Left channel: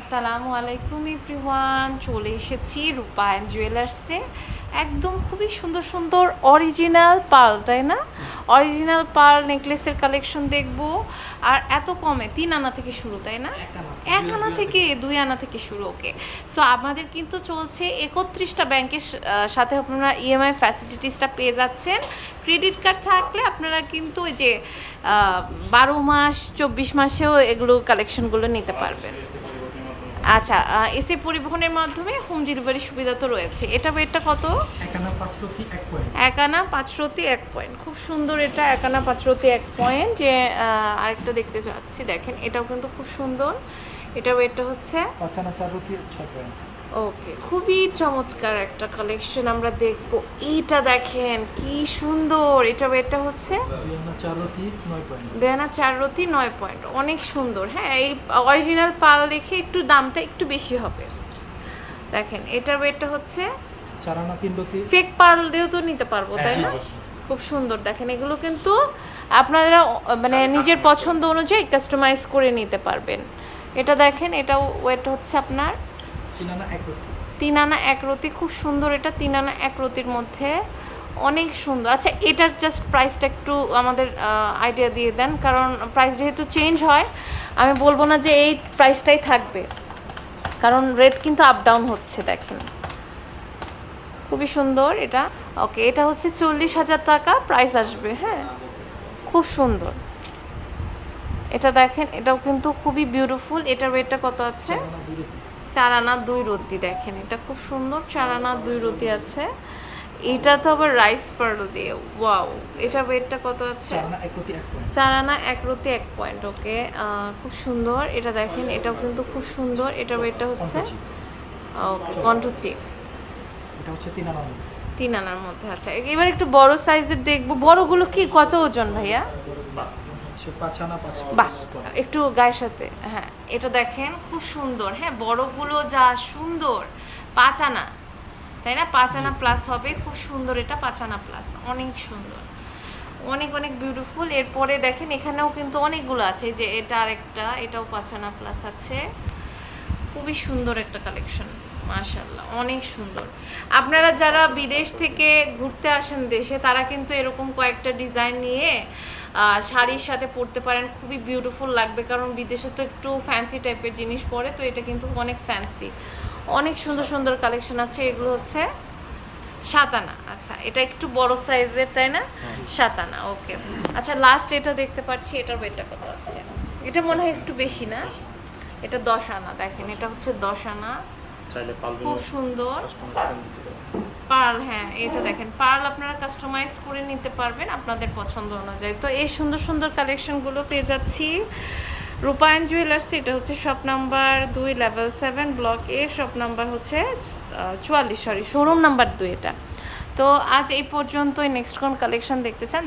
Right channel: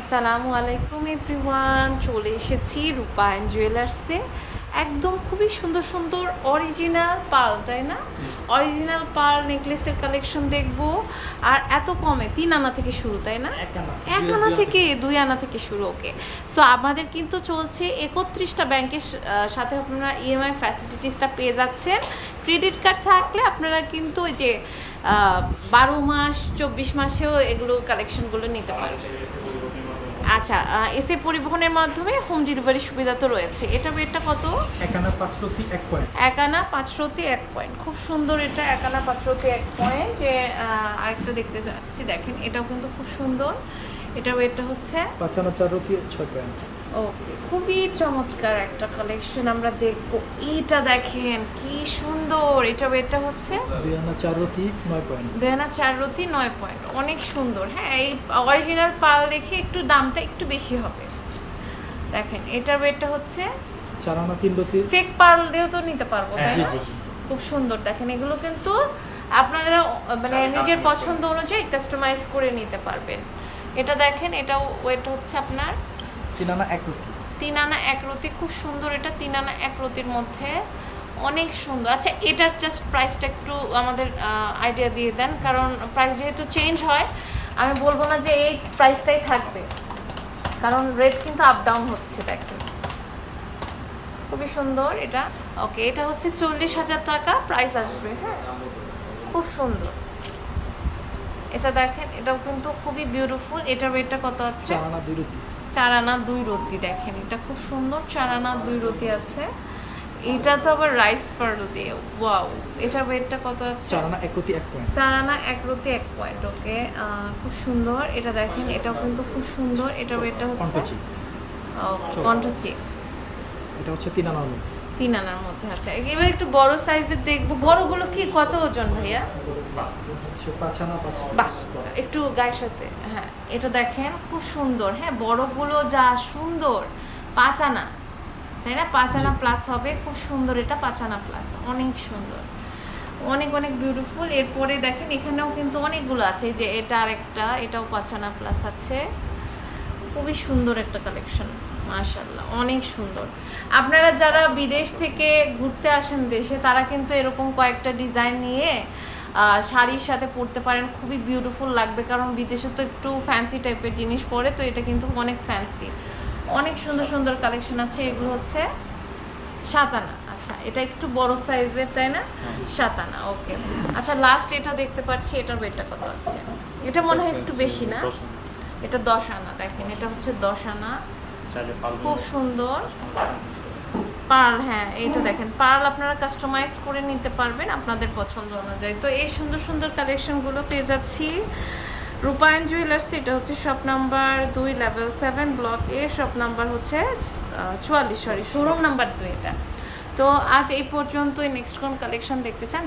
আসসালামু আলাইকুম এভরিওয়ান চলে এসেছি রূপায়ণ জুয়েলার্সে। একদম খুবই সুন্দর সুন্দর অরিজিনাল পাল তাই না? অরিজিনাল পাল নেকলেসের কালেকশন দেখব। আর এত কমে তিন আনা থেকে শুরু তাই না? এক আনা। থেকে দুই আনা থেকে শুরু ওকে সো আমাদের কিন্তু চলছে একত্রিশটা ব্যাংকের সাথে আপনারা ইএমআই ফ্যাসিলিটিসটা পেয়ে যাচ্ছেন। ক্রেডিট কার্ড থাকলে আপনারা কিন্তু ওই যে বারো মাস চব্বিশ মাসেও এগুলো কালেকশনগুলো নিতে পারবেন। আচ্ছা এসে পরিবহনের মাধ্যমে হোম ডেলিভারি সুবিধা তো রয়েছে। এটা ওয়েটটা কত? এক আনা পাঁচ রতি এক পয়েন্ট। একানা আনা পাঁচশোতে এক পয়েন্ট। খুব সুন্দর এটা একানা আনা পাঁচশোতে এক পয়েন্ট। যে আরেকটা দেখতে যাচ্ছি দেখেন এটাও কিন্তু খুব সুন্দর। এটা ওয়েটটা হচ্ছে পাঁচানা চার রতি ছয় পয়েন্ট। ওকে খুবই চমৎকার একটা কালেকশন আমরা দেখব। এইটা দেখেন কি সুন্দর। এটা এটা হচ্ছে? দুই আনা চার নয় পয়েন্ট দেয়ানা চার রতি নয় পয়েন্ট অনেক সুন্দর। হ্যাঁ এই অরিজিনাল পাল দেখে একটু দামটা একটু বেশি হবে। দেখেন এটা ওয়েটটা হচ্ছে? চার আনা তিন রতি। ফেক পার্ল দিয়েও তো নিতে পারব তাই? জি খুব সুন্দর। দেখেন এগুলো কিন্তু আপনারা মানে নিজের পছন্দ অনুযায়ী কাস্টমাইজ করে নিতে পারবেন। এটা দেখেন এটাও ওয়েট হচ্ছে আপনার তিন আনা এক রতি। তিন আনা এক রতি খুব সুন্দর এটা তিন আনা এক রতির মধ্যে। অনেক সুন্দর। আচ্ছা এটার জাস্ট প্রাইসটা একটু আমাদের আইডিয়া দিয়ে দেন কারণ প্রাইস যেহেতু চেঞ্জ হয় আমি বলব না যে এই প্রাইসটাই থাকবে। কারণ রেট কিন্তু আপ ডাউন হচ্ছে দেখেন। খুবই সুন্দর এটা। ওকে এটা হচ্ছে চল্লিশ হাজার টাকা প্রাইস আসবে হ্যাঁ? খুব সুন্দর। এটা দেখেন এটাও কিন্তু খুবই বিউটিফুল এটার রেটটা কত আছে? চার আনা দুই রতি দেখেন এটা খুব সুন্দর চার আনা দুই রতি আছে। এটা তো আবার রাইস পার্ল দিয়ে ওয়াও এটা ওয়েটটা কত আছে? চার আনা এক রতি এক পয়েন্ট চার আনা এক রতি এক পয়েন্ট ওকে খুব সুন্দর এটা দেখেন এটাও কিন্তু খুব সুন্দর এটা ওয়েটটা হচ্ছে কন্টচি এটা হচ্ছে তিন আনার মধ্যে। তিন আনার মধ্যে আছে এবার একটু বড় সাইজের দেখব বড়গুলো কি কত ওজন ভাইয়া? একটু গায়ের সাথে। হ্যাঁ এটা দেখেন খুব সুন্দর। হ্যাঁ বড়গুলো যা সুন্দর পাঁচ আনা। তাই না? পাঁচ আনা প্লাস হবে খুব সুন্দর এটা পাঁচ আনা প্লাস অনেক সুন্দর। অনেক অনেক বিউটিফুল এরপরে দেখেন এখানেও কিন্তু অনেকগুলো আছে। যে এটা আর একটা এটাও পাঁচ আনা প্লাস আছে। খুবই সুন্দর একটা কালেকশন মাশাল্লাহ অনেক সুন্দর। আপনারা যারা বিদেশ থেকে ঘুরতে আসেন দেশে তারা কিন্তু এরকম কয়েকটা ডিজাইন নিয়ে শাড়ির সাথে পরতে পারেন। খুবই বিউটিফুল লাগবে কারণ বিদেশে তো একটু ফ্যান্সি টাইপের জিনিস পরে তো এটা কিন্তু অনেক ফ্যান্সি অনেক সুন্দর সুন্দর কালেকশন আছে এগুলো হচ্ছে সাতানা। আচ্ছা এটা একটু বড় সাইজের তাই না? সাতানা ওকে আচ্ছা লাস্ট এটা দেখতে পাচ্ছি এটার ওয়েটটা কত আছে? এটা মনে হয় একটু বেশি না? এটা দশ আনা দেখেন এটা হচ্ছে দশ আনা। খুব সুন্দর। পার্ল হ্যাঁ এটা দেখেন, পার্ল আপনারা কাস্টমাইজ করে নিতে পারবেন আপনাদের পছন্দ অনুযায়ী। তো এই সুন্দর সুন্দর কালেকশনগুলো পেয়ে যাচ্ছি। রূপায়ণ জুয়েলার্স এটা হচ্ছে শপ নাম্বার দুই level seven block A shop number হচ্ছে চুয়াল্লিশ সরি শোরুম নাম্বার দুই এটা। তো আজ এই পর্যন্তই নেক্সট কোন কালেকশন দেখতে চান।